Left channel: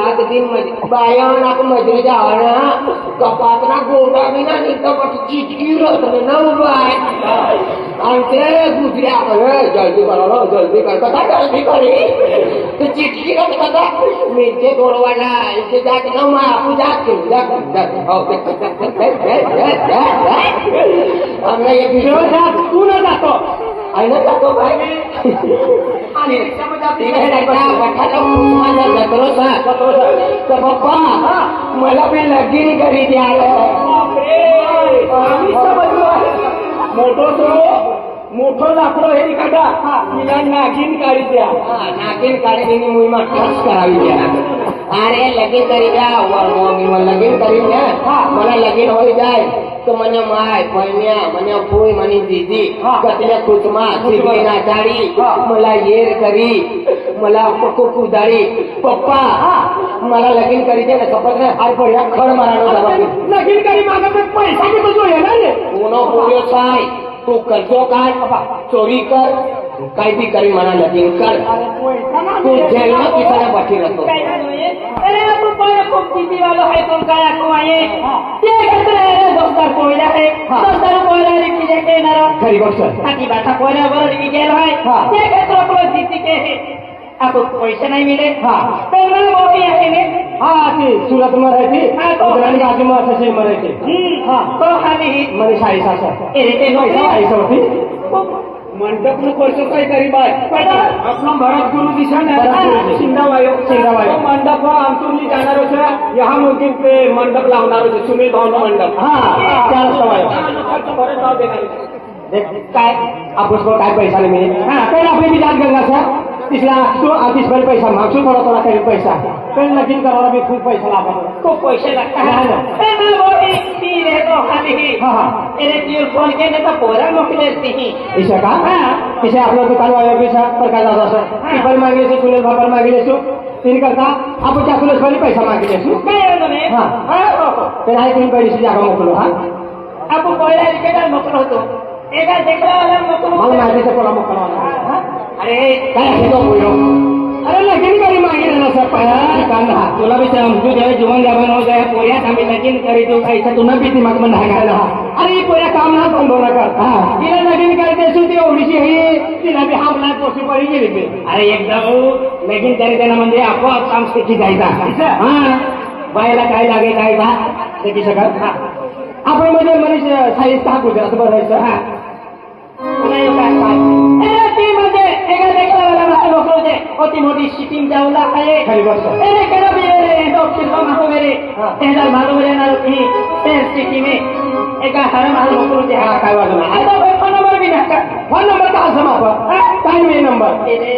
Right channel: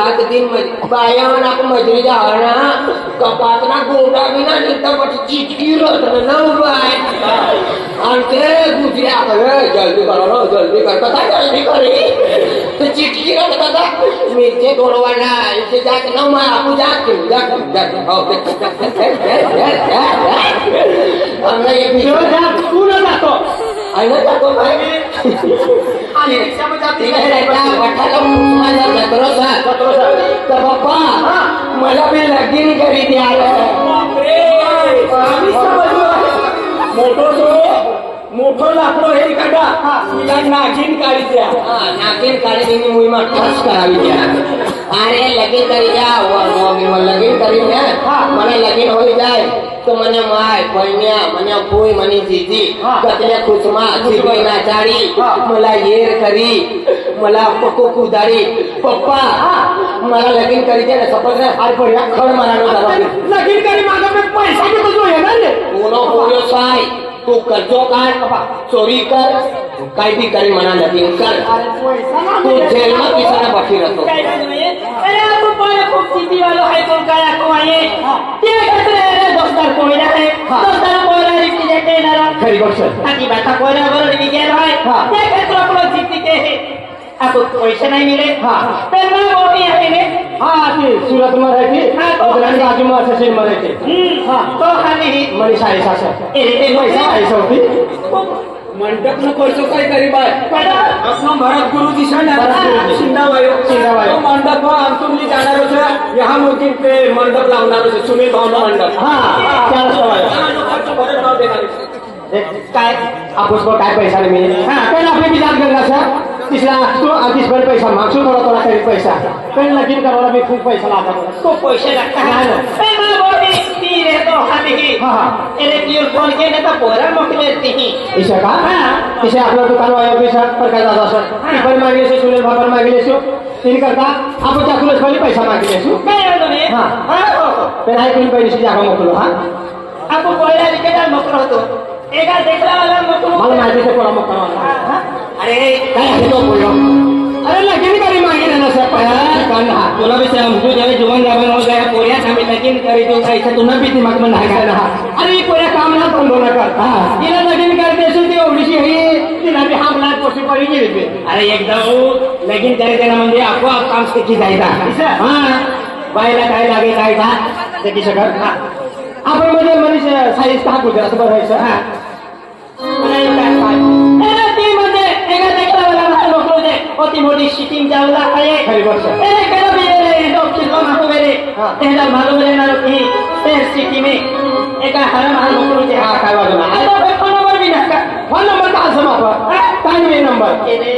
रात दिन बायावर आपण मजुरीच्या हरणा कपातना गोडा बिना निघता चिटकी राहत ना बाय आणि ते दुसऱ्या जल्दी करा जल्दी कर कसा जल्दी करे ते चिटकी राहत कसा मिरचे गोडवाना इथे जात ना मार आपण जात आम्हाला एक तू न जातो आणि जातो भाई मला मी लगीन करी द्या मोठं लाकडं हे काढा नागिन काढी द्या नागिन काढी मुली मठाच करावी द्या अरे लगीन करी द्या लगीन करी द्या मला लगीन होई जाय तो मने माय कोयन्या मने फूय मनी जीजी कतल्या कुसमा सिगई नाचारी मला येर करी मला पक्को कुदारी पप्पा मला लगीन करी दे ना सपन हार पड्या खड मारानो झाला लगीन करी मागा में पैसा भी तो येणार रे कोणो बोलो साय तू कर्जो काढ चोरी कर काही बी करी मला लगीन कर तू जेल में पिसाना बाकी रहतो अरे आपण पहिला खूप चिती वालो आहे तो काय को आहे ते कसले दोस्तार कोयला आहे दोस्तार कोयला रिक्की देते ना खरी गोष्ट ताकी बाता कोयला वर निघेल आहे ते कसले आपण चिती के है आपको पैसे नहीं मिले तर मला मोठी आहे ने ती सुरत में रहती उधर बाजू में असेल में रहते तो खाली मनी साई सासा ए पैसा पैसा होती मंडप नु करतो काय तरी बाय आपला भारत गुरु दिशा ना शिंदावायो मंडप आमतुली जाणार होता यहां मुकिन पे मंडप लावणार होते सुनील भावना मंडप त्याला काय आपस को काय पैसा नाही मिळेल पण आपले विचार करला सर तिसरा तू आधीच भर पैसा मागसू थोडा तरी पैसा पण लगीन करायला भी खूप पैसा लागतो तो पैसे लागता है बोली ती रे तो खाली एरे क्यूर बोल के ने तो पोरा मोकले ती इसे का इसे आपला दुकान वाला पैसा पर का दादा सर पर मांगले से सुनील बाबा मांगले से तीन करता आप क्या पुलिस वाले पैसा मांगले से काय होने पण आहे तीन पैसे जागा मोकलो आप कोयला लिखेला मोकलो होतो एका देखला वाला मोकलो मला माहिती से पोरा मोकलो अरे काय होतो बोलो अरे लगीन करी मागे ना सर कान तुला भी समझू जब जीवन जवन हो गया पोया हमें लगीन करी तो कैसा तुम भी दिमाग में नहीं रहा अरे पोया काम ना तुम बोला करता इला लगीन करते से ते ओडीसी होई तिला भी हमला कोशी पडी गेली अरे एकदा लगीन करे देना म्हणजे आपोआप काम शिकी जायचा बायला काय लागे काय का ते की सगळं आपण मध्ये मनुष्य साईज का गुजरात करायचं होती मोठी शिटिंग जावला काय खरी गोष्ट ए केला बिले तो किलो नको मेरे तेला मालूम आहे ना की ते सिटी में एका हर माल मोकळू ते हा काय वाजला अरे फोन नंबर भी नका फोन नंबर का समापा काय मी नंबर रे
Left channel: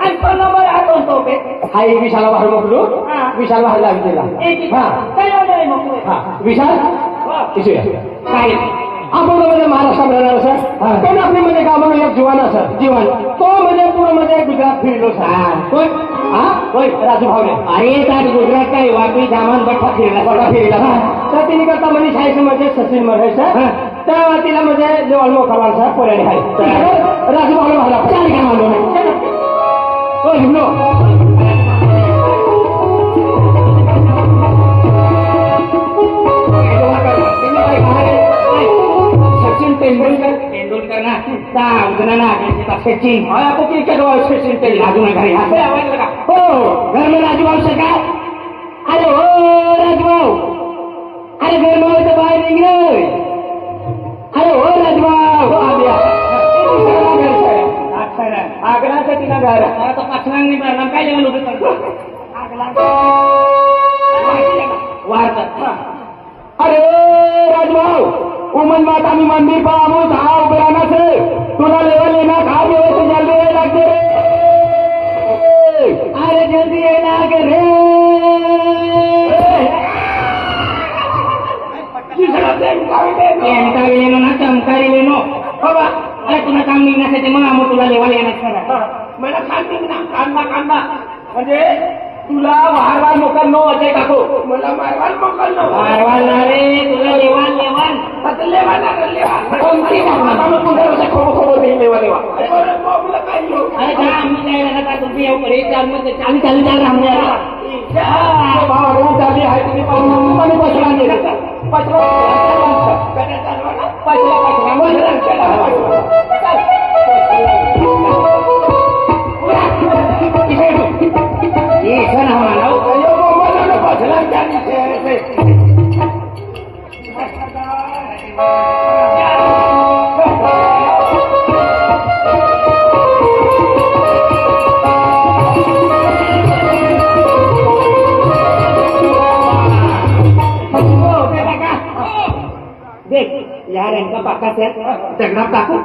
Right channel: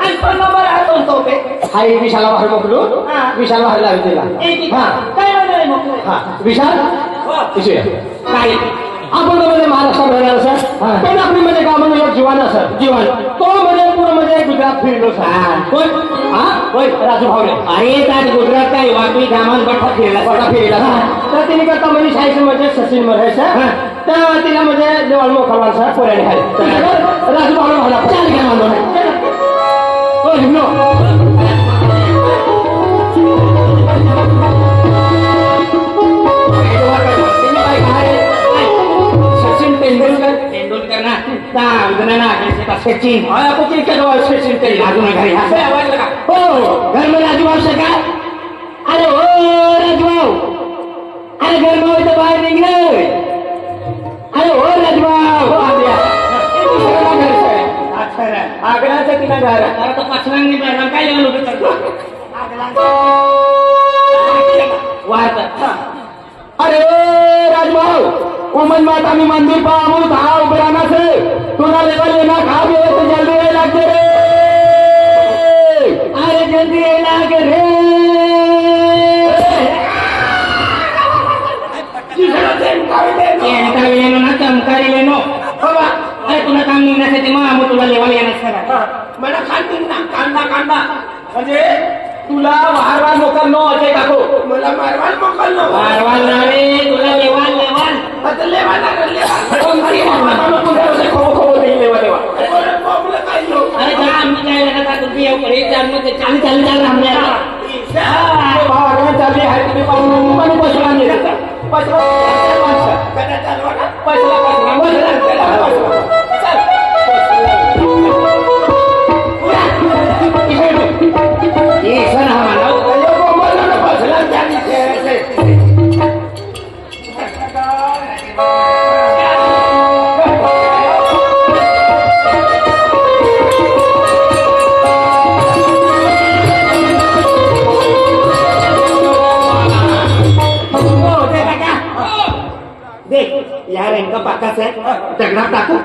आणि फोन नंबर आतो तो पे हाय विशाला बाहेर मोकळू विशाला हल्ला दिला काय वाजले मोकळू विशाल इशे काय आपण मध्ये महाराष्ट्र राहणार सर पण आपली मध्ये गावामध्ये एक जीवन असं जीवन तो मध्ये पूर्ण मध्ये गुजरात फिरलो सर कोण राजू भावले अरे त्या गुजरात काय वापी दामन बट्टा फिरला तर तिने करता म्हणजे शाहीचं मध्ये सचिन मध्ये सर त्या तिला मध्ये देवाल मोखवाल सर पोऱ्याने खाली राजू भावले मला चार घ्या म्हणून हो लिहलो तेंदुलकर ना उधर ना सचिन आपको क्रिकेट वाला सचिन ते राजू ना घरी असे आवाज लगा हो घर में राजू भाव सका अरे ओ राजू भाव अरे घर में तो बाहर निकल अरे ओ राजू भाव आ गया घर से अच्छा रे आगरा से कितना घर है तो पछलन नहीं करना काय लोग करतो आगला वार्ता अरे ओ राजू भाव उमन माता मी मंदिर पाहू धाव बराना से तोरा लेवल लेना खा भी हो तो जल्दी ये लगते रे अरे जल्दी ये लागे रे ये लेनो ना चमकारी लेनो होगा अरे तुला काम नहीं ना ते मग तुला लेवल येणार सर मला खातील ना कांदा म्हणजे तुला मारवाल मोकल नो अजय काकू मला मारवाल मोकल नो मारवाल रे तुला लेवल बदले वाला कर ले कोणती मारवाल तुला खो ले वाले अरे प्रॉब्लेम काय हो अरे जा आम्ही काय लगा का तुम्ही येऊ रे चालू ते चालू हमने नेमका पाकाच आहे दगडात टाकू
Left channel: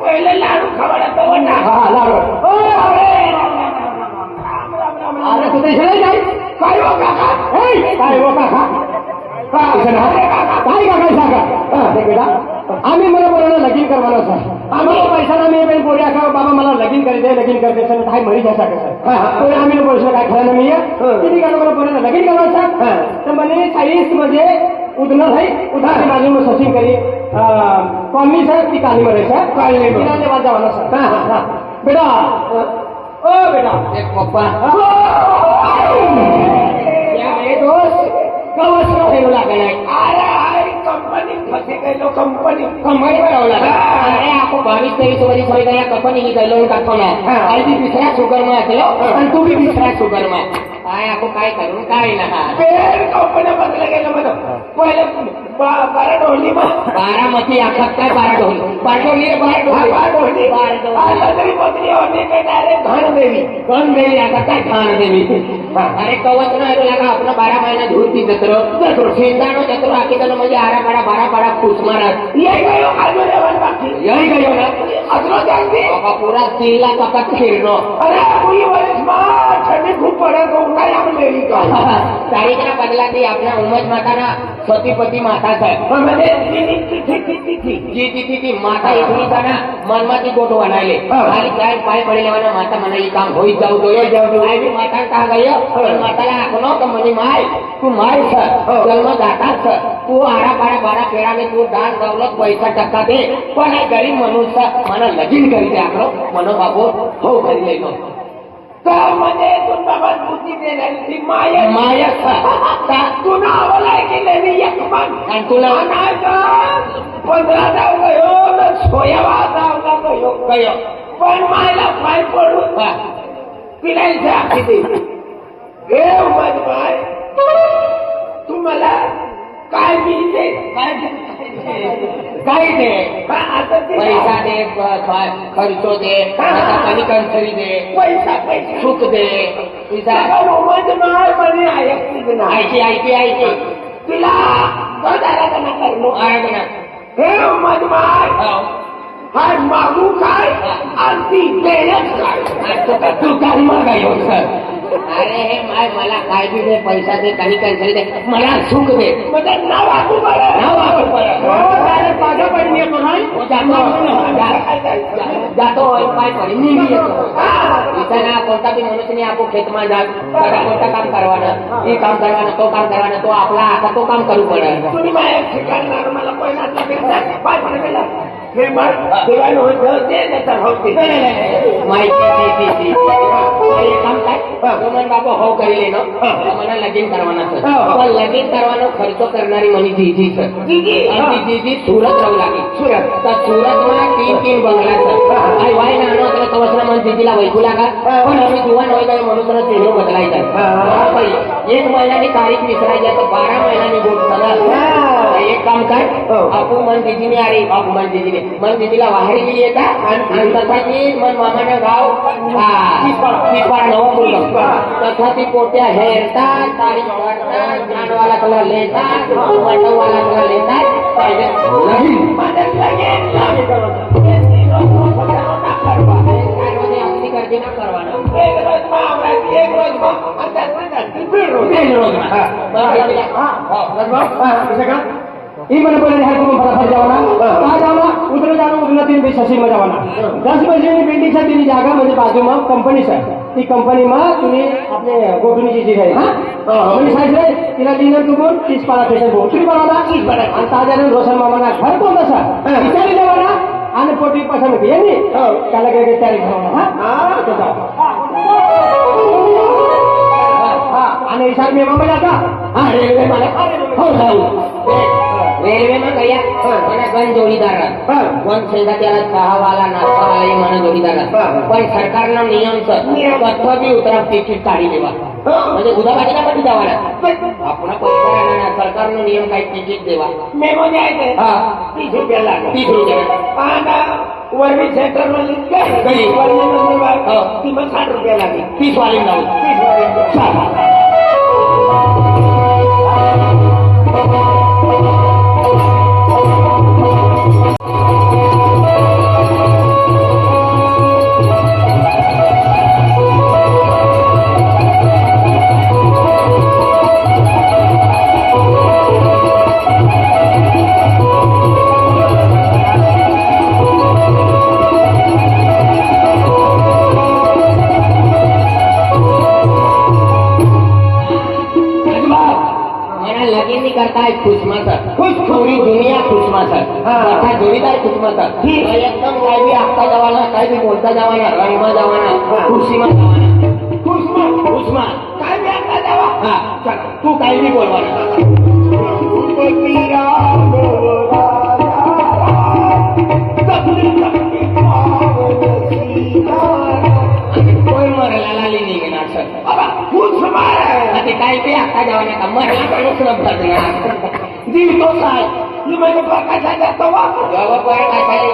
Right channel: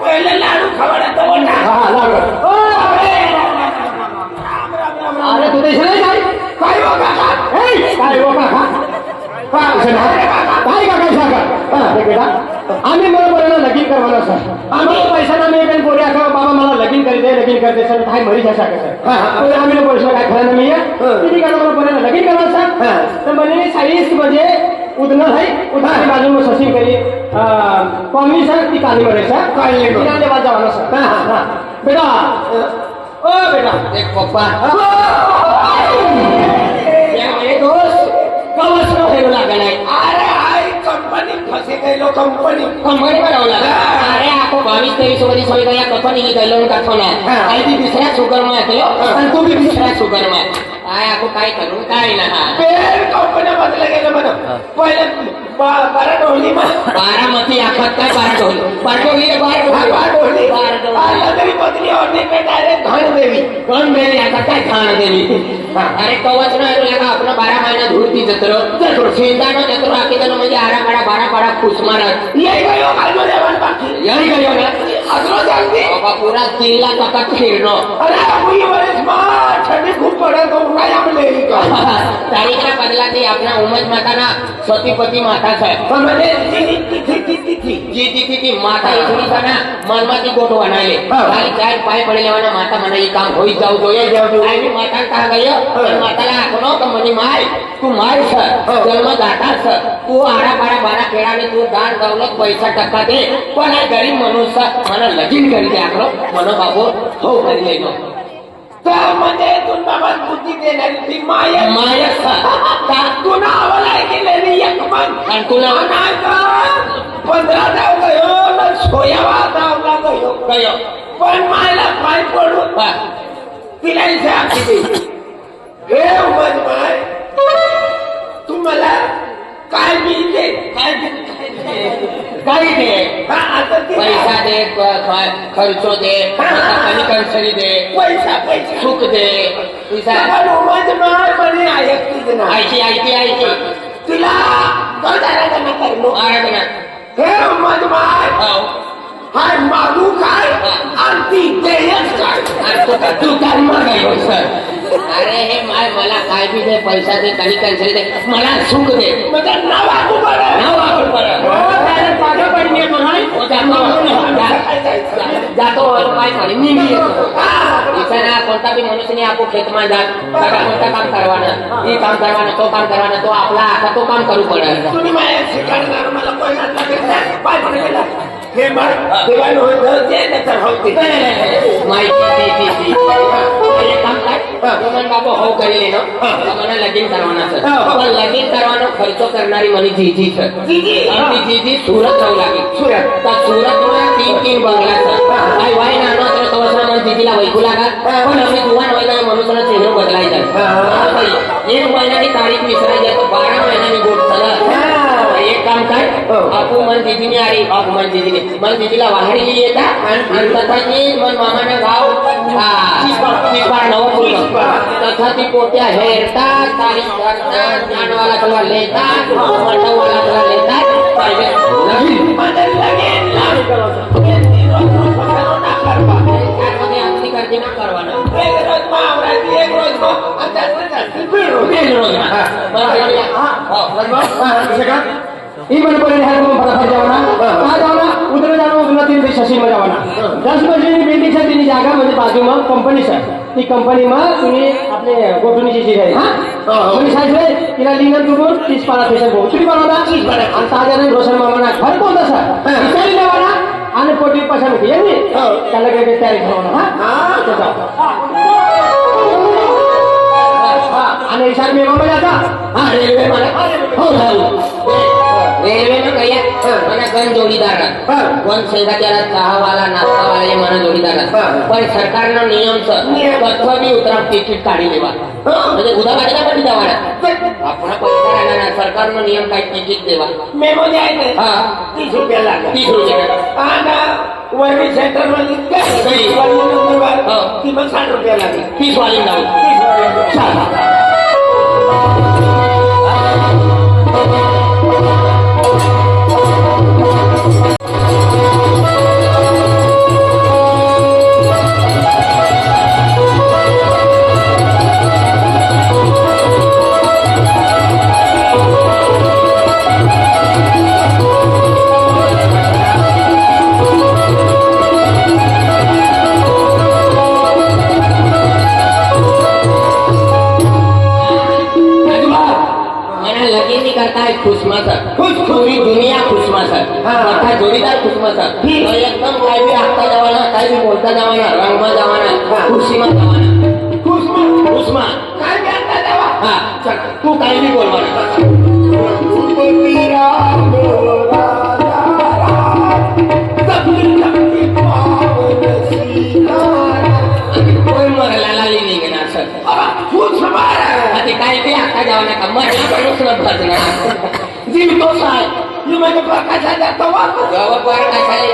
पहिले लाडू खवडा लाडू अरे तू देशाला काय काय हो काका काय हो काका काय काका सांगा बेटा आम्ही मला बोलायला लगीन करवाना सर आम्ही पैसा ना मी काही बोले का बाबा मला लगीन करते सर काय मरी जसा सर आम्ही बोललो काय खरं नाही किती का मला बोलायला लगीन करवा सर तर म्हणजे 40 म्हणजे उधना भाई उधारी बाजू में ससी करी कॉमी सर ती काली मरे सर काली मरे वाजा वाला सर बेटा ओ बेटा एक पप्पा ये दोस्त कवच ठेवू लागलाय अरे आई कंपनी फसे गेलो कंपनी करावं लागला अरे आपण 22-23 वर्ष होई गया कंपनी की गलो का खोना आई भी दुसऱ्या सुगर में आते आणि तू भी दुसऱ्या सुगर में काय आपण काय करू काय ना पेर कंपनी बदले गेलो म्हणून पहिले 12 ढोली में 12 मती आखत काय 12 ढोली 12 ढोली आता तरी बदली और नहीं पे डायरेक्ट घन देवी आता काय घाण देवी अरे कवच ना लगा अपना 12 महीना धूरती जत्रो शेंदानो जत्रो आके तने म्हणजे 12 खुश मारत यही गयो कालो देवन बाकी यही गयो ना अगलो जांगी बाबा पूरा तिला काका फिरनो अरे अभी वर्ष मां ठंडी खूप पडे तो उड़ा आपले ही का तारीखना बदला ती आपला उमज माताना सतीपती माता છે म्हणजे ती माता इथली का ना मनमाती गोठो बनायले खाली काय पाय पडे लेवाना माता મને ઈ કામ હોઈ જાવ જોઈએ આઈ બી માતા કહા ગયો માતાला આખનો તો મની માય તું માર છે જન્મ દાતા છે તું આડા પાડા બારા કેળાને તું દાન દौलत પૈસા ટકા દે કોના ગરીબ મનુષ્ય મને લગીન કરી દે આખલો મનો બાબો હો કરી લેનો म्हणजे तुम बाबा बुद्धी देणारी ती माया का तुला आवला गेलेली एक मन आणि तुला नाही का 15 डाव गयो ना 16वा डावला गयो पण मायला पाय पडून तिला किती हे बाय तुम्हाला काय मिळते काय दे पैसा दे खर्चो दे कमी कंसरी दे पैसा सुख दे ऐकी तिला आराधना हे मजमार हाय मागू काय आणि ती देयच काय तू काय मागायो सर अरे हे माय मला काय बी दे पैसा दे कमी कंसरी दे मला सुख दे म्हणजे नाव वापरू जातो काय पडे निघी येतो कोणता बी मनुष्यने आपण खेतમાં जात सगळा मोठा काम करवाना हे काम करवाना तो आपला आता तो काम करू पडेल तुम्ही माझ्या शिकायला मला पैसा लागेल पाय पडे गेला हे मला देवान होतं ते त्याचा होते माहिती ती एक काम काय मन बाबा हो કરી લેનો મને લગીન કરવાના છે પણ લગીન કરવાનો ખર્ચો કરનારી મની જીજી છે જીજી જીજી સુરત રહું લાગી સુરત સુરતમાં 3 બંગલા છે આઈ ભાઈ નાનો તો તવસના મન જીજીલા વૈકુ લાગા પણ અમે જુવાન હોય તો મનુષ્યનો ચહેરો બદલાઈ જાય એક મહિનાની તારીખ વિસરાઈ જાય તો 12 મહિનાની ગોઠ ચલા एक काम कर आपू मन दीदीने आरी बाप मन दीदीला वाहडी येता आणि तथाती मन मामाना गाव 30 नव तथाती पोट्या हेरता तारीख करता ज्ञानवाला कलर लेता मंडवाला कलर लेता पाहिजे नाही म्हणजे लगेन करते ना करवाना एक रोज मावराती एक रोज ये मन पड़े है तुम फटाफट जाओना कहाँ जाओना उधर जाओ उधर 3 बजे शशि में जाओना 10 बजे बिल्डिंग से तीन जागा म्हणजे बाजू में कंपनी सर ती कंपनी में तुम्ही आपले गोठुनी जी आहे हां म्हणजे साहेब तिला लिंगन तुम्ही 30 पारा पेशंट हो तुम्ही बनवता 30 पारा आणि साधारण रोशन मामाना घर कोणता सर विचारी लेवाना आणि 40% घे नी त्याला काय तयारी करणार हां आणि सर मी बाबा जाता हां रेल्वे मला हो रेल्वे में गया मैंने गन जोड़ीदार गन सेंदाच्याला चहावाला नाश्तावाला ये माने जोड़ीदार पण सरकारનો નિયમ છે કથોની ઉતરા ટિકિટ કાઢી લેવા म्हणजे गुदाबाजीला पण जावाना आपला पैसा राहणार सरकारનો નિયમ काय टिकિટ देवा मेमो द्यायचे हां 30 रुपये लागतात 30 रुपये आणि वरवी सेंटर मध्ये गई ती मग 60 रुपये लागली 30 वाली लागली 30 वाली खुसमाचा पुरी दुनिया खुसमाचा मोठा जोडीदार खुसमाचा एकदम काय बी हाकता जावाना काय बी बोलता जावाना रंगवा जावाना खुशीमा जावाना खुसमा काय मी आता जावा हा चल तू काही बी बोलवाना कोण मरायला लाली नाही का असं ते काही बी हाकता जावाना का मरायला जीव तो साय मी म्हणजे प्रकाशात जातो वापस गवतवार कशाला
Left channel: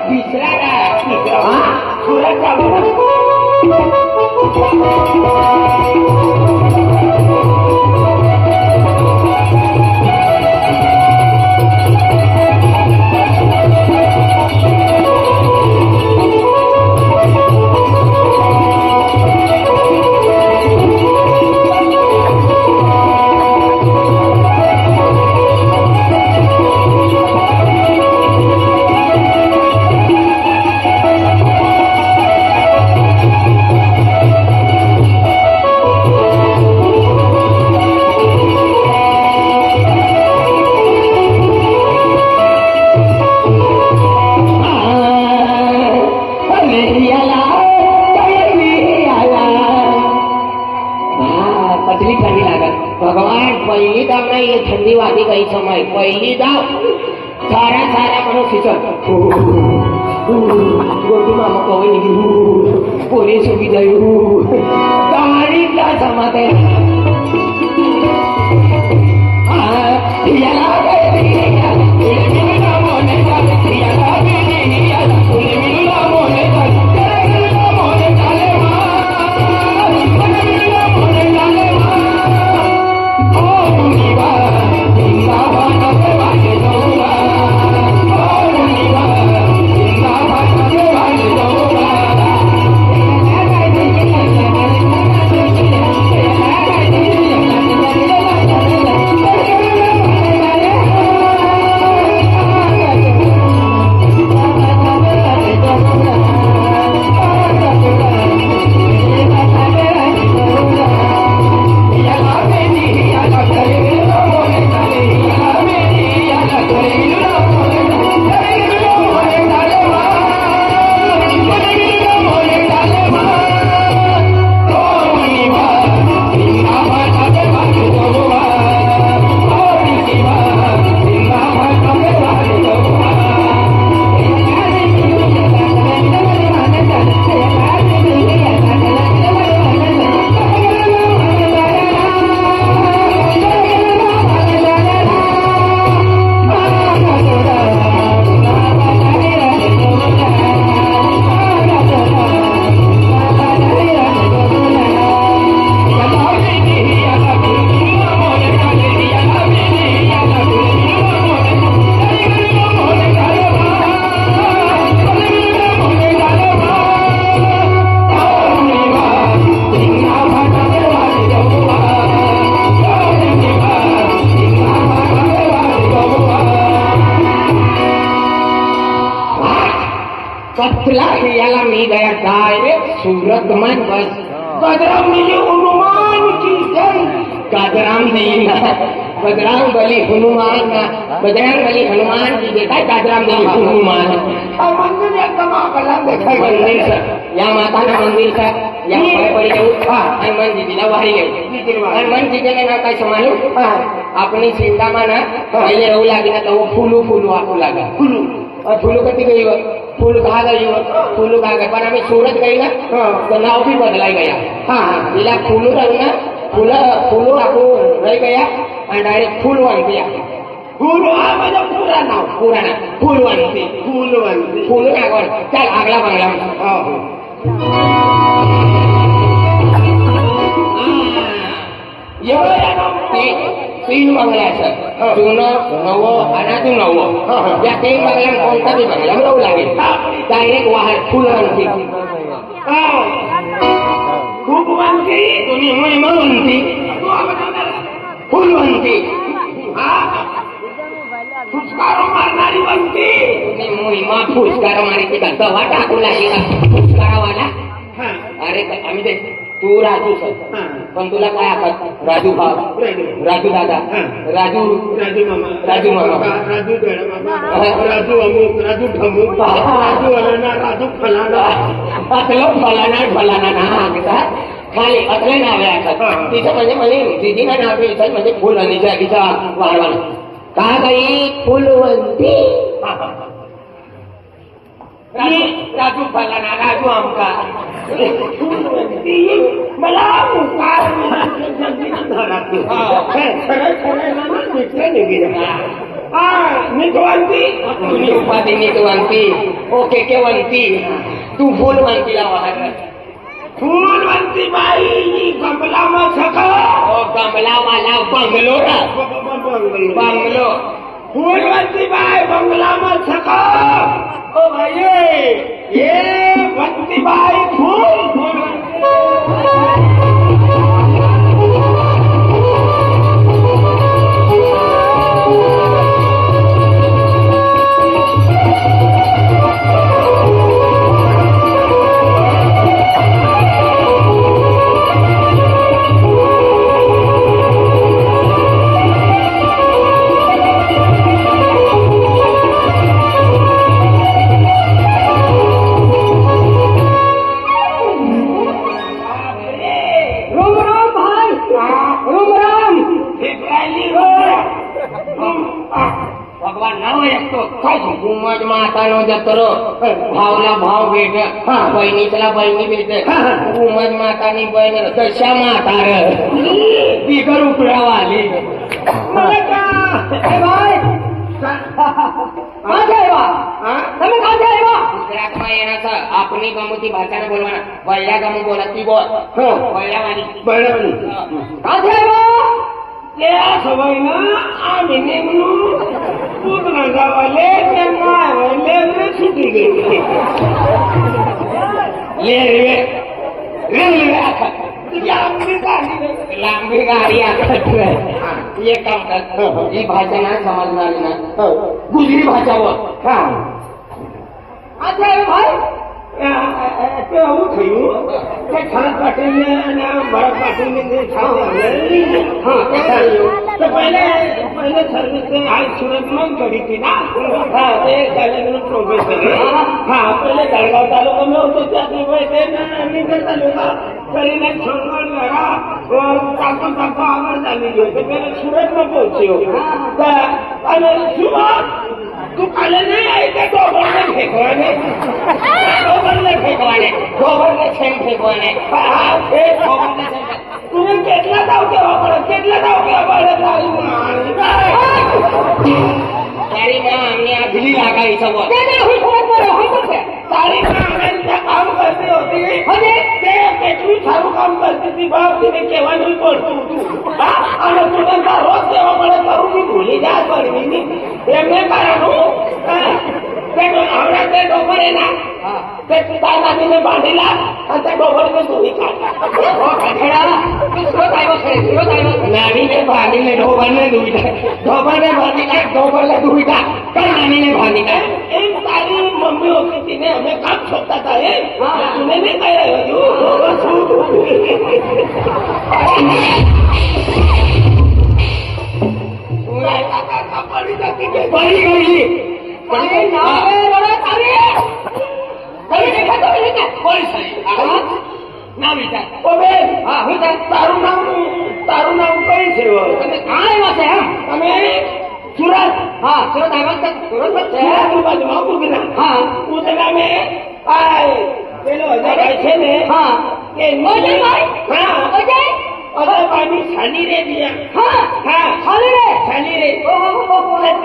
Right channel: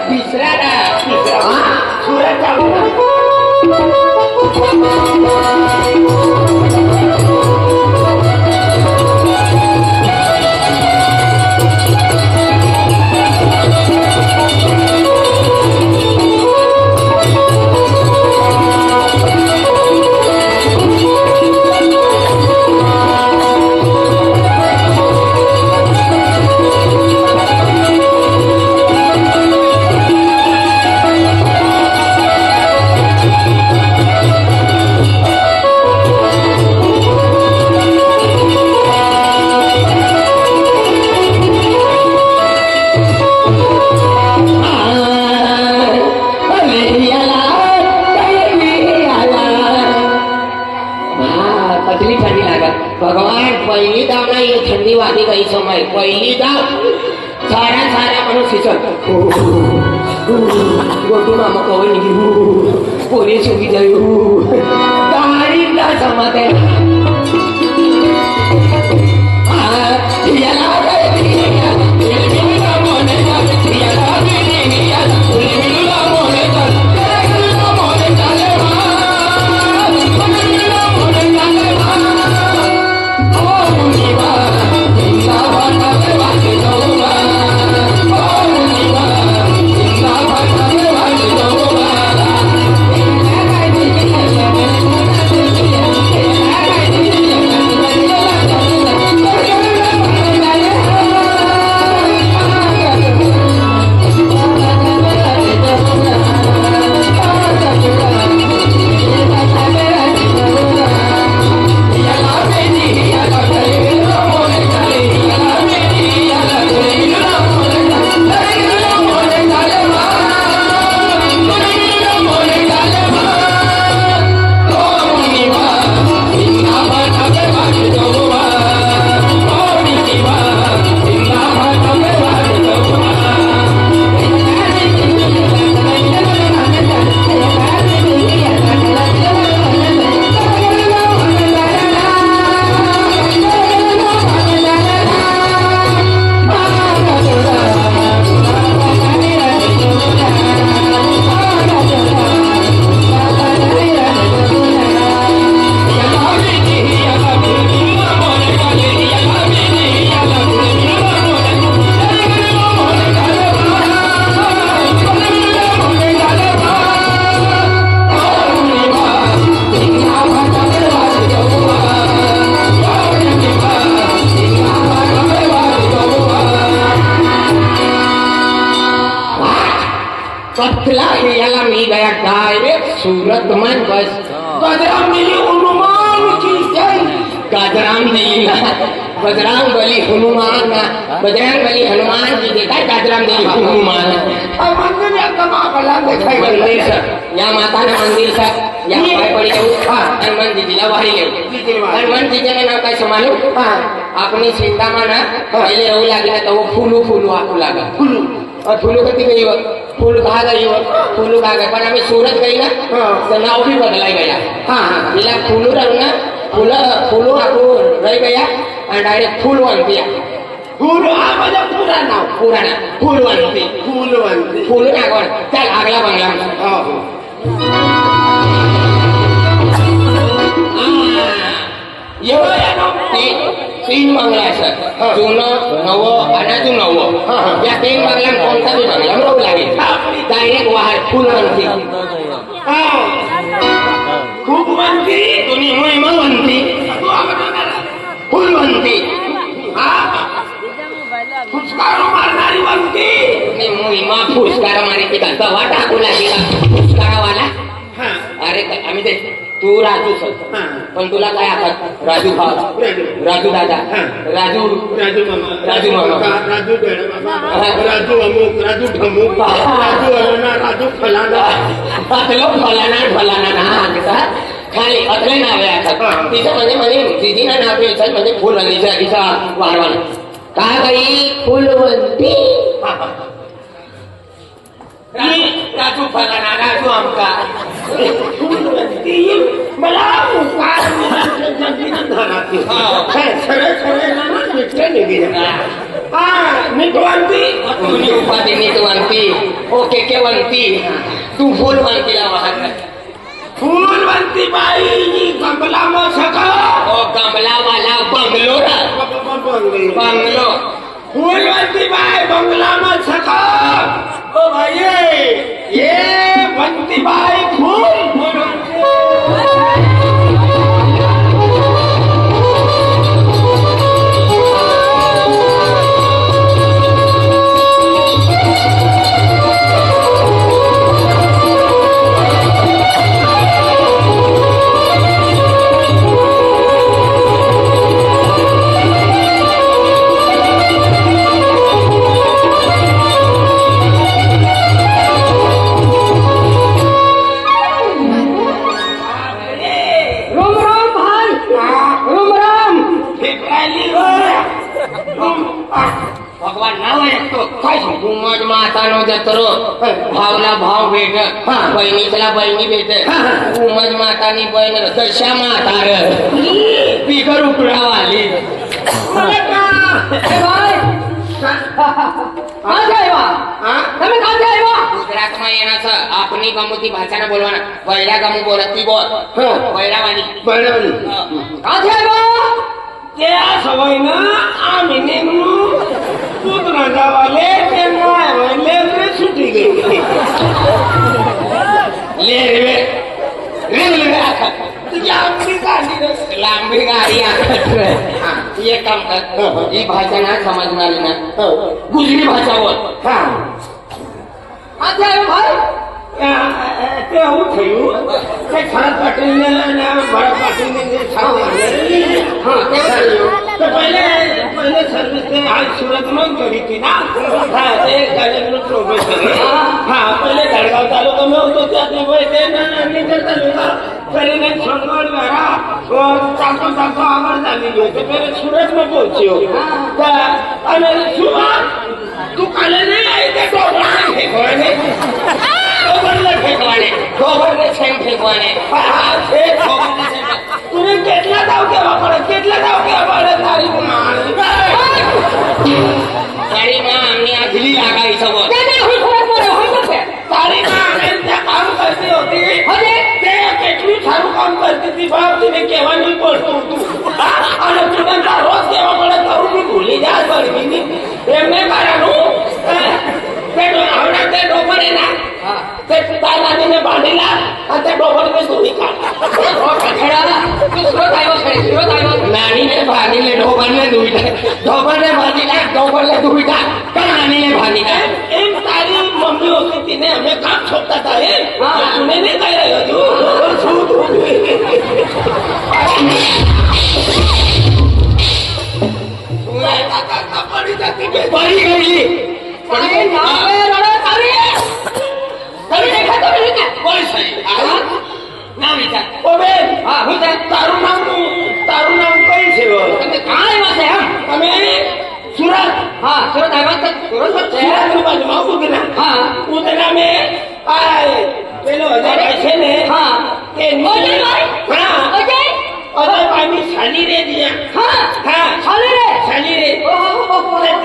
तिसरा सुराच्या भगवान पहिली दाव नाही थंडी वादी काही समय पहिली दाव सारा सारा म्हणून सिचत गोटू मामा कवळी घेऊ पोरी सुखी जाऊ गाडी का समाते कथला याला मी गया डायरेक्ट सूरत मन बस गजराम मिली हनुमान की जय गाजराम देईल बजरंग बली हनुमान बजरंग बली हनुमान की देखा गाजराम देईल हनुमान मंदिर आता मागला देखाय मंदिर सर या माताने मंदिर सर या पाय पड़ी जाऊ हनुमान जीजीला वाही लेऊ हनुमान जीजीने नाव काय समालू अपनी चिंता में ना पहले रहू लागे ना तो वो फूलू फूलू आपू लागा फुलू और फूलू कति गई वो फूल कहा गई वो फूलू कहा गई पर अभी सूरत गई ना तो नाव भी बदलाई गया हाँ इला फूलू रहू ना फूलू आपू रह गया और डायरेक्ट फूल वन दिया फुलू आम्हाला पुरा नाव पुराना फूल वन थी फुलवंती फूल ना कौन चल अगला बंगला में तीन बंगला सर जुनं नवं आणि अजून नवं या तीन बंगल्यात कोणता बी बंगला मिळू लागेल डायरेक्ट वाहन फुल म्हणते खूप म्हणती तुम्ही महिमा म्हणते फुल म्हणते फुसकारो मारणारी म्हणती तुम्ही महिमा फुसकारा मारे की दवा टाकू लागेला फुसकारावाला अरे आम्ही ते तू राजू सर पण तुला काय आखत राजू भाव राजू दादा राजू राजू मामा राजू मामा राजू राजू अमुक राजू ठमुक राजू अलाना राजू फलाना अतलं फलाना ना खाली अतले नाव आहे आता तिचं म्हणजे दीदीना नाव घ्यायचं म्हणजे फुलवंतीचा वाढवण का काही फुलवंती राजू फलाना राजू आमका ती मला मुकार सरळ सरळ निघेल मिठवंती तुम्ही उपाधी नीटवंती ओके केवंती तू फुलवंतीला वाहत फूलवंती बाई कमला मग सका ओ कमला वाला बंगलो बंगलो फूलवंती बाई बंगला मग सका ओ भाई ये बंती बाई फूल भगवान नाव ऐकतो काय सांगू मज मातानो जत्रो भावला भाव भेट बहिणीला बहिणी भेट उमज मातानी बहीण दशा म्हातार बिगर उकडावाली गुजरातમાં એના છે આપની ગમુતી ભાષાને બોલવાના વૈરા ગમુ બોલતી બોલ વૈરાવાળી બરાબર કાંથી આવ્યા તે આ સવાઈના આ મિનિંગનું દૂધ રાંધાવાલે તે નોવાલે ને છૂટી ગઈ લે રે રે આખા લાંબી ગાડી આખા ये काम कर ये भाषा ना समजणारी ना गुजरी भाषा बोल હા આજે ભાઈ તે આવું થયું કે છાલ પાટીને અને મારા પાટીને છાલ હા તે થયું તો પહેલે સર્વિસ ને હાલ સુરતમાં કરી હતી ના હા તે ગાડીનું પ્રોફેસર હા પહેલે ગાડગાવ તાલુકામાં હતો ત્યાંથી હોય તે નીચે તાલુકા કરીને છોડવાડ વાળા ચાકો ચાકો આગળ ચાલી ગયો તે પહેલે સુરતમાં પહોંચ્યો અને સુરત તું કાલે નહીં આવી તે ટોપરને ફેંકવાને गोबरने फेकवाने गोबरने छेम फेकवाने એ છોકરાને છે તું કેટલા દાવ કેવા પડે તારી મારી તારી માં અમને આ દિલી લાગાઈ સવો તારી માં અમે ત્યાં કામ કરતી હતી અને તે કેટલું સારું કામ કરતી હતી બાપ તને કહેવાનું પડતું હતું અને તું રોજ કહેવા પડે તારું બી ભૂલી જા કરવી એમને કારણ તે આવડા તે ડોબરે ના તે દાદાજીને બાંધીલા અને તે ડોબરને ધોઈ કાઢા નાનીને ભાગીને ઢોબરને ભાગીને દુઈટા કઈ નાનીને ભાગીને એમ તારી મમ્મી હોતી હતી ને અમે કામ છોડતા હતા એ તું ને કઈ રહ્યો પડી જતી પડી ગઈ કોઈ સહી ના વિચાર ઓ બેન હા હું તારું નામ કઈ છે તમે કાં આવ્યા છે એમ તમે અહીં સુરત હા સુરત આવ્યા છે સુરત છે સુરતની બાજુમાં ઉધના હા ઉધના મેં આ પેલો અજયભાઈ છે ને હા કે હા અજયભાઈની સાલી રે દિયા હા સાલી રે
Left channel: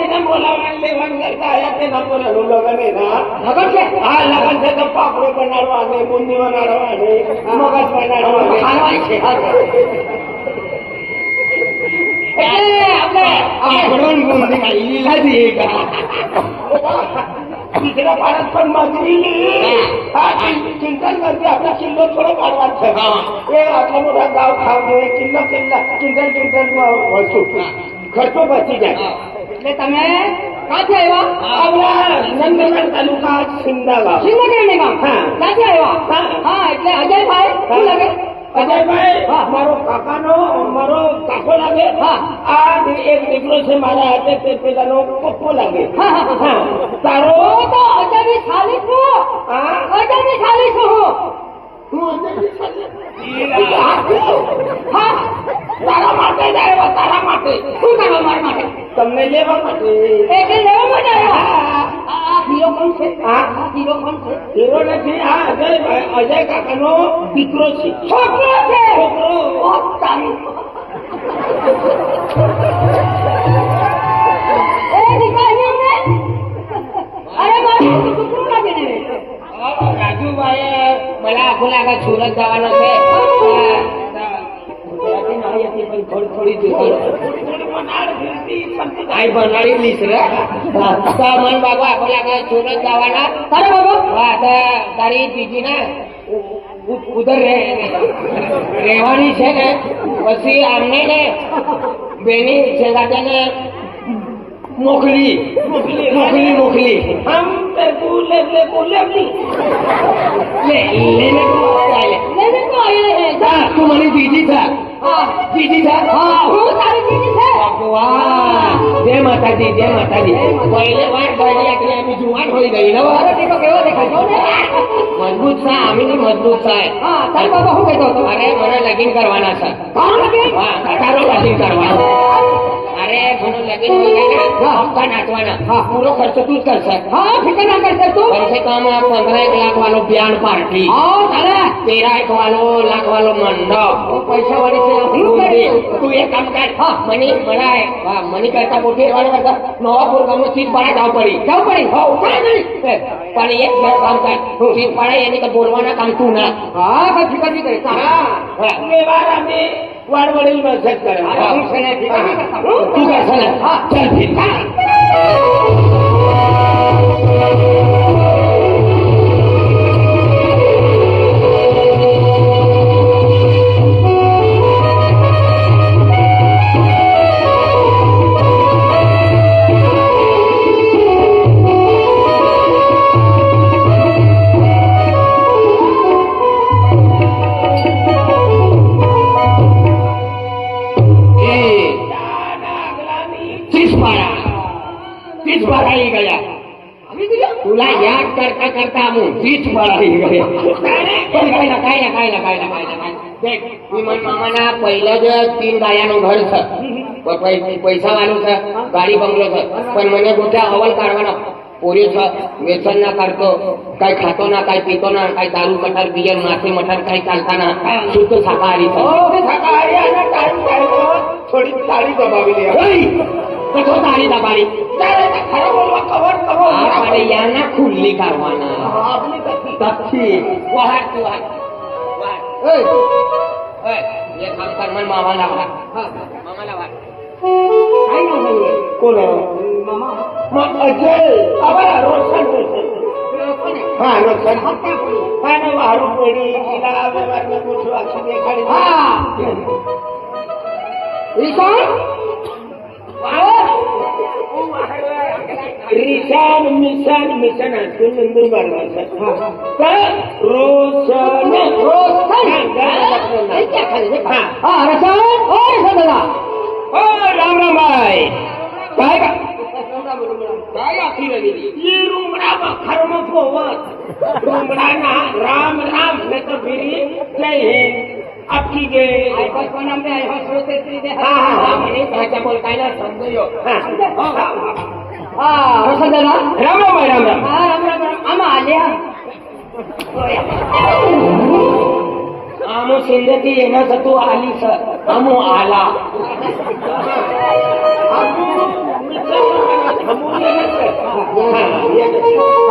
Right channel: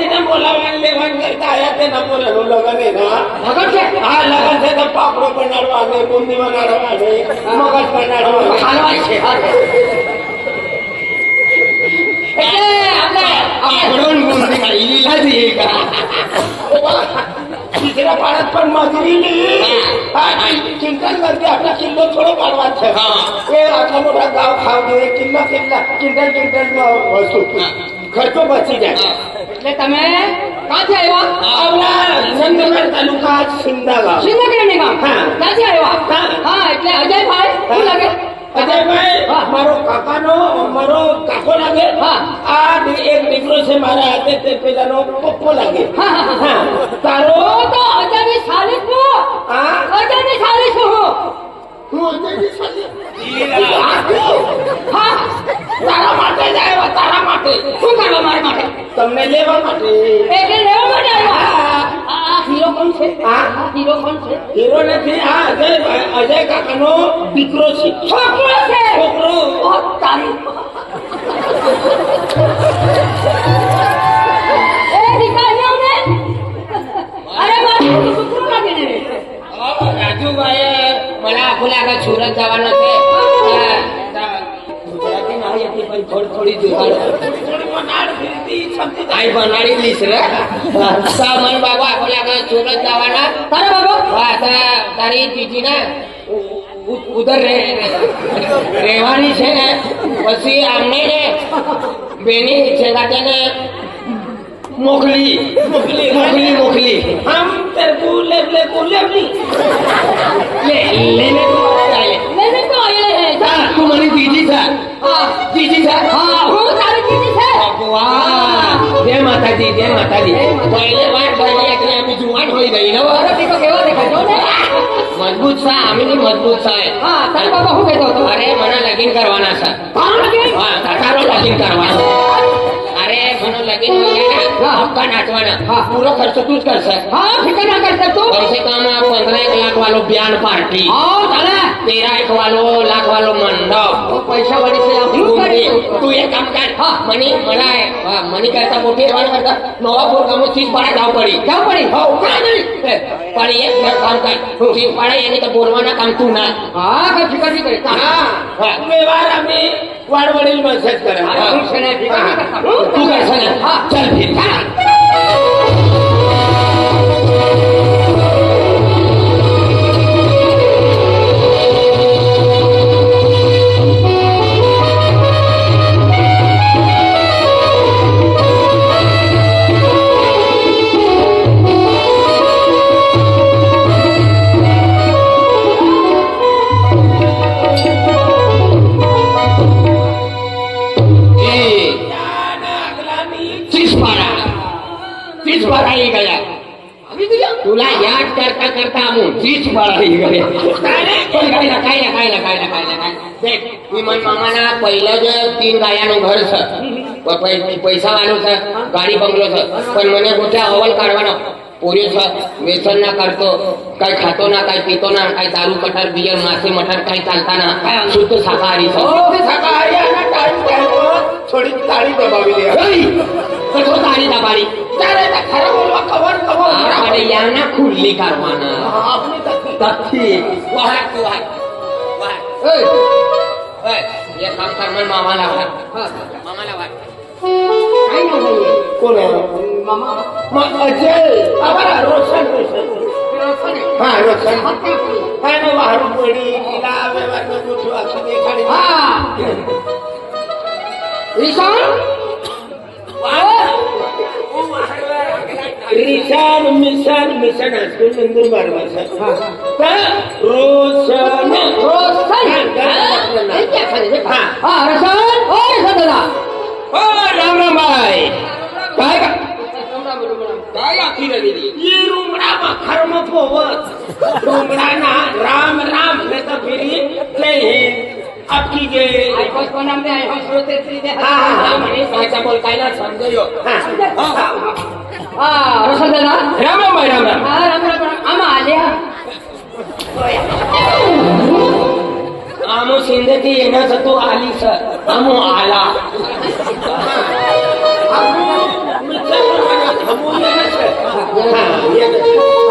તેને બોલાવવા લેવાનું કરતા આયા તે ન બોલાવું લગને ના લગન છે હા લગન છે તો પાપડો બનાડવા ને બુંદી બનાડવા ને મગજ બનાડવા ખાવા છે આપણે આપણો બુંદી ખાઈ લીલા છે तिसऱ्या पाण्यात पण मजुरी चिंतन करते आपला किल्लो थोडं पाडवा हे आपला मोठा गाव खाव दे किल्ला किंटल वस्तू खर्च बची જાય એટલે તમે ક્યાંથી આવ્યા આપણા નંદનગર તાલુકા સિંધા ગામ શ્રીનગરની ગામ હા. ક્યાંથી આવ્યા હા. હા એટલે અજયભાઈ શું લાગે અજયભાઈ મારો કાકાનો મારો કાકો લાગે આ એક દીકરો છે મારા હાથે તે પેલાનો પપ્પો લાગે તારો તો અજાની સાલી છો હા અજાની સાલી છો હું અજયની સાલી હા તારા માટે જ આવ્યો તારા માટે શું કરવા મારા માટે તમને લેવા માટે એટલે લેવા માટે હા આ હીરો કોણ છે હા હીરો કોણ છે હીરો નથી આ અજય કાકાનો દીકરો છે છોકરો છે છોકરો ઓ તારી એ દીકરીઓ ને અરે મારો છોકરો લાગે ને રાજુભાઈ મને આખું લાગે સુરત જવાનો છે ગુજરાતી નહીં હતી પણ થોડી આઈ બનાડી લીસ રે મને બાબા આખું લાગે સુરત જવાના તારા બાબા હા તારી દીદી ને ઉધર રહેવાની છે ને પછી આમને ને બેની છે ને મોકલી हम तेरे को ले લેને ચાલે મેને તો આયા હે હા તું મારી દીદી છે દીદી છે હા હું તારી દીદી છે ભગવાન જય માતાજી પહેલે વાર બરાબર એટલે અમે જુવાન હોઈ ગઈ ને અરે દીકો કેવો દેખાય જો ને મજબૂત છે આમીની મજબૂત છે હા તારા બાબા શું કહેતો હતો અરે મને લગીન કરવાના છે તારું લગીન હા તારો લગીન કરવાનો અરે મને લગીન હોય ને હપ્તા નાચવાના પૂરો ખર્ચો તું જ કરશે હા ફિકર ના કરતા તું कम से कम 15 लाख वालो बयान पार्टी હા ચાલે 13 लाख वालो मंडप તો પૈસા વાળી છે तू હું કરી तू एक काम कर मनी करता मोटी वाला करता नवापुर गाम में चीज पाड़े जाव पड़ी हाँ उठा नहीं પણ એક કામ કર ચીજ પાડે એની તો બોલવાના કામ તું ના હા કઈ ફિકર નહીં કરી हाँ व्यवहार हमें वाड़वड़ी में सेट करे હું છે ને ફિકર નહીં કરતા તું કરશે ને ચાલ ફિર चीज पढ़ाई गया तुला याद करता करता हम चीज पढ़ाई गया काय देख विमान मामाना पहिलं जे 3 गायाનું ઘર છે તો પૈસા વાળું છે ગાડી બંગલો છે પણ મને મોટે અવલ કાઢવાનો પૂરી છે વ્યસન ના કરતો કઈ ખાતો ના કઈ પીતો ના કઈ દારૂ મટર બિયર માસી મટર કઈ ચાલતા ના શુદ્ધ શાકાહારી છે शाकाहारी आना टाइम थोड़ी ताड़ी दबावी ले કશો તારી દબારી तारे तो खरा बोलवा कवर આપણે યાના ખુલ્લી કરવાના आपने तथी તથી વાહ એ ये काम कर मन मामा लावा કાઈ ન થઈએ कौन है મામા अजय अबर रोशन हाँ रोशन હપ્તે हाँ ने वारू पड़ी किला व्यवहार में कुछ आखी देखाड़ी હા ઈશાન रिशान मिशन स्कूल नंदुरबार में रोशन હા રસન ઓ રસન દાદા ओ राम राम भाई काय का काय आखी रे दीदी ये रुंगड़ा में खर्म पोवत रुंगड़ा ना राम राम ने तो फिरी जय हिंद आपकी के આઈ બસ કોનામ દે આઈ બસ રોતે ત્રી દે हाँ हाँ हाँ મને સાચા બોલતા ના સમજો હા રસન દાદા राम राम भाई राम राम હા રામ રામ આમાં આલ્યા आमो सिंधती येना सतो आली स आमो आला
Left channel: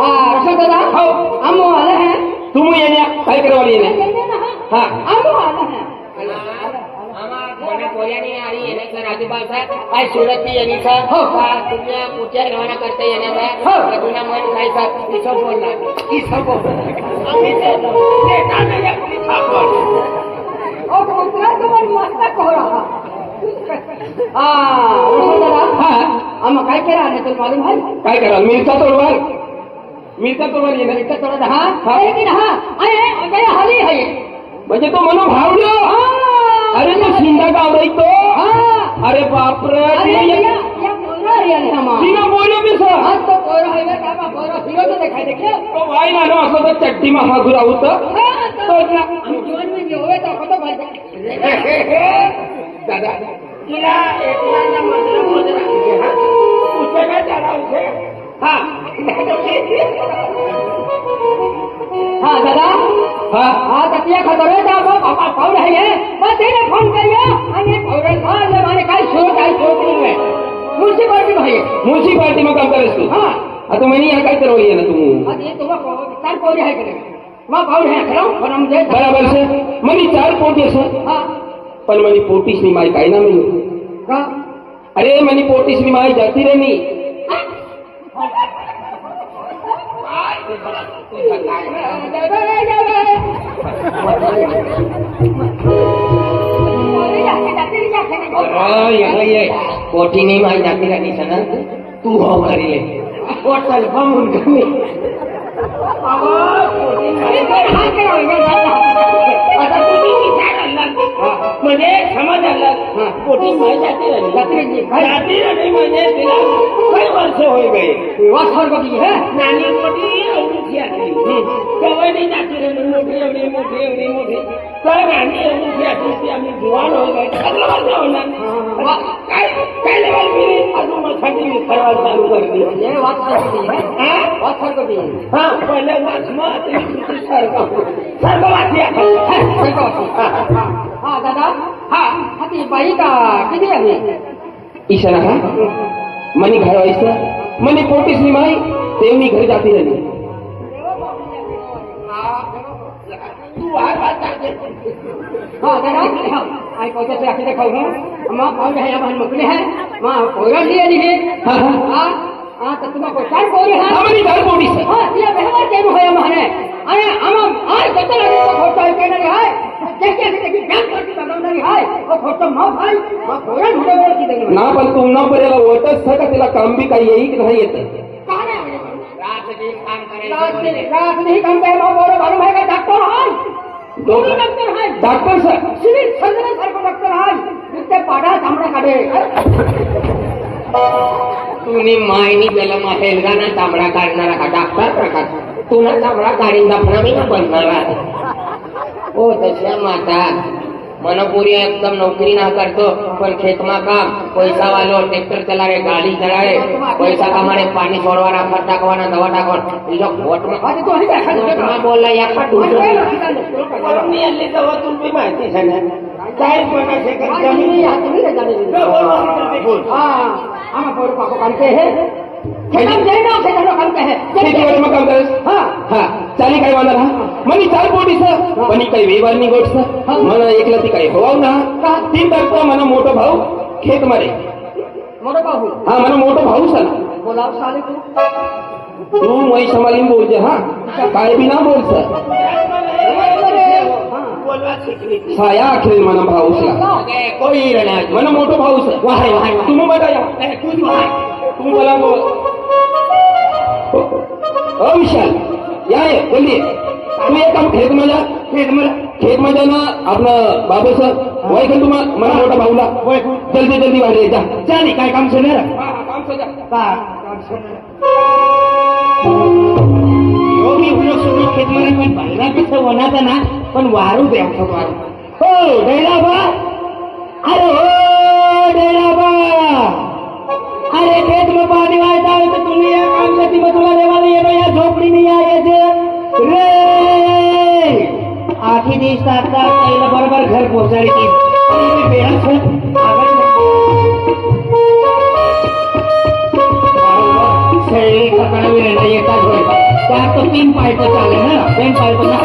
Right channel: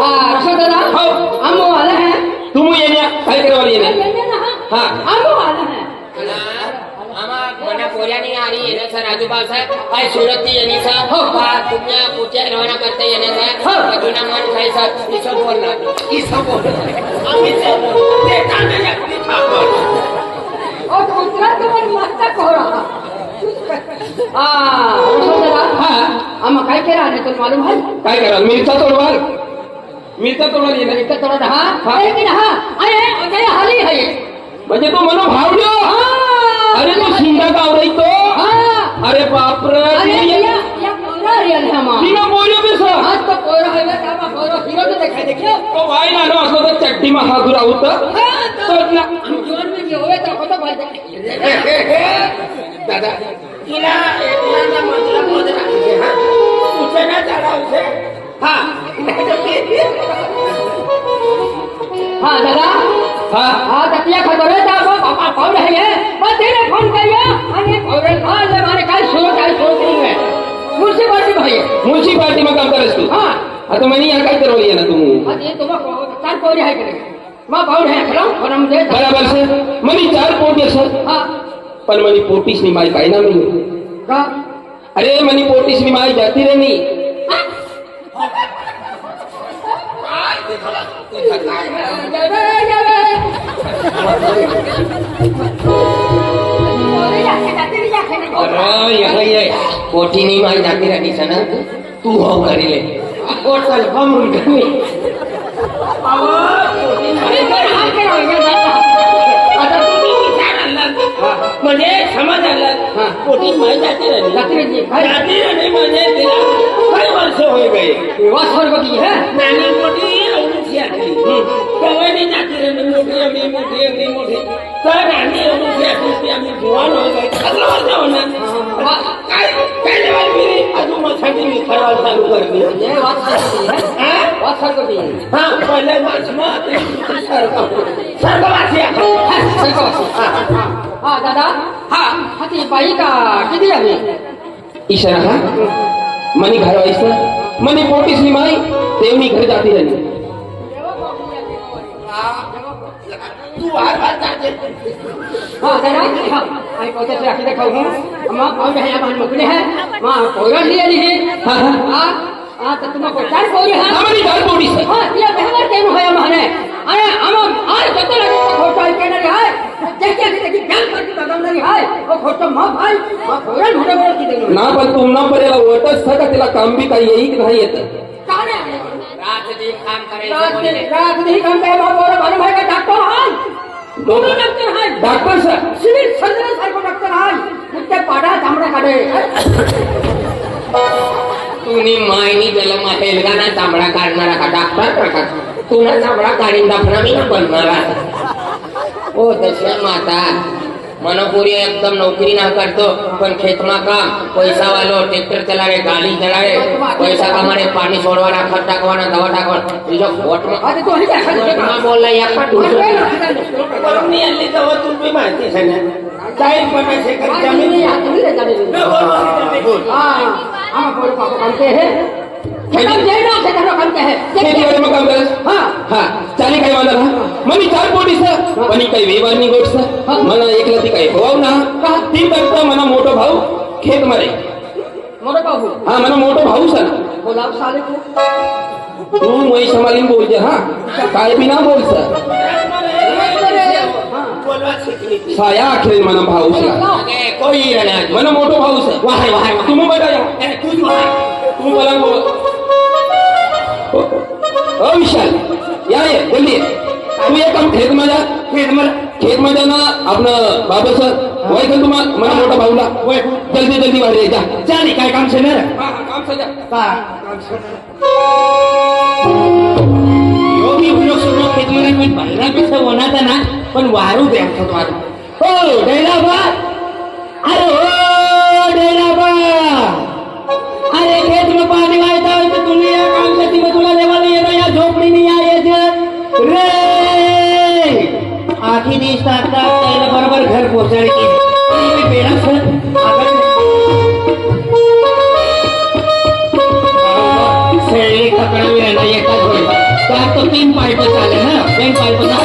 હા રસન દાદા આમો આલે હે तुम येण्या काय करवाली येणे હા આમો આલે હે આમાં મને પોરિયાની આરી એને સર રાજુભાઈ સાહેબ આ સુરત થી એની સર આ તુમ્યા પૂછ્યા રવાના કરતે એને સર બધુના મન થાય સર ઈ સબ બોલના ઈ સબ ઓ કુતરા તો મસ્ત કોરા હા રસન દાદા हाँ આમાં કાઈ કેરા ને તો માલુમ હે काय करा मिरचा तोडवाल येणे तो थोड़ा हाँ लेकिन हाँ अरे अजय हाली है म्हणजे तो मनो भावड्यो. अरे तो शिंदा गावरायतो. अरे बापरे तिनं बोल्यो बी सर. तो भाई ना असं तर चड्डी मा हात राहत दादा तिला एकला मतलब मध्ये राखते हा उसे ना चला उसे हा हाँ दादा हा हाँ तकिया खबर है जा पापा कौन है ये बस तेरे फोन करिए आगे कौन हाँ ले माने काय सोच नहीं है म्युनिसिपालिटी भाई म्युनिसिपालिटी में काम करेस तू. हाँ आता म्हणे या काय करव ये ना तू. ये तो चार कौन है करे मां कौन है खड़ा और हम दे बराबर सर म्हणे 4 पोटी सर. हाँ पण म्हणे पोटीस नी माय काय ना नाही. का अरे म्हणे पोटीस नी माय जाती रे नी. पोटी नहीं मार जाती रहनी सना तू हो करी ले पोटल बम रुटनी आता तुम्ही विचार आला म्हणजे समज आला पोटी माय जाते राहिली म्हणजे तिला काही वर्ष होई गई वासर बगी है नानी मोठी एवढीची आली कवानी जाती राहिली मोठी तर नानी एवढीची आली ती आम्ही जुवान हो गए 15 वर्ष होणार काय लेवल मिली अजून मोठी मी खराब चालू करली ये वासर बगी हा पहिले वाचमा सरकारवासी हाँ दादा हाँ हाथी बाई का किती आहे इशारा हा मनी घर व्हायचं मनी पोटीस नी माय तेवनी घर जाती रहनी. तू बार जाते हाँ दादा हाँ आई पहुंचे से आके देखा हूँ माँ कौन है हमारे मुकने हैं माँ कोई लिए लिए हाँ हाँ हाँ हाँ तो तुम्हारे चार कोई है हमारी घर पोटी से हाँ ये बेहतर केम है हमारे अरे हम आज तो फोटो कहने रहा है देखिए देखिए क्या करके बदल रही है वो फोटो माँ भाई माँ कोई मुझे बोल की देंगे ना पण तुम ना पर याला ओटच था का तिला काम बी काही येई की नाही येत. रात नहीं काम करे माँ बोलो भानु भाई का डॉक्टर है दोनों डॉक्टर है doctor sir civil surgeon sir को डॉक्टर है मुझे पाड़ा चामड़ा काटे तुम्ही मायनी जलम हेलगा ना चामडा काढणारा का डॉक्टर प्रकार तुला चामडा काढीन दाखवणार मी ना बनणारा ओ दशरा माता मनो पूरी एकदम नौकरी ना करतो पण खेतमा काम पैसा वालो ट्रैक्टर चलावे गाड़ी चलावे पैसा कमाने पानी छोड़वाना खत टाकवाना दवा टाकवाना तुझ्या फोट में अरे तो ना बोलला या का करून आली तेव्हा तुम्ही माहिती आहे काय प्रकाश कर जमीन खेती वाले में काम करे हा चाली काय वाला ना मनी 4 पोटी सर मनी काही वेवानी गोट सर मला एकला ती काही होवाव ना ती करता मला मोठो भाऊ खेत मारे मोठा बाबू हा मला मोठो भाऊ सर बोला साले को तू मैं संभालीन बोलते हा काय बी ना बोल सर बोलवा शिकली साया आखिर मला भाऊ सर कोई रहना मला मोठो भाऊ सर वाह वाह तुम्ही बताओ तू वाह तू बोला बोल ओ विशाल या ये जल्दी तू एक काम खेत में जा ना अपना बाबा सर वही कर तुम मना मोटा भाऊला जल्दी जल्दी वाढ जा चाली काय काम से मेरा काम से जा काम से योगी हुलो सुनो खेतमध्ये मी पहिला पिसे होणार ना पण वारू द्या मारू ओ डेलाबा अरे ओ डेलाबा अरे खेत में पानी आया था तो तुम्हें ये काम करती में तुला लेवाले ये तो यार झोपड़ी नहीं आए थे रे आखी दिस आता पहले बरोबर घर पहुंचाड़ी की ये बेड़ा सर सही पकड़ा हुआ है ये का तो 3 पाइप चाले ना 3 पाइप ना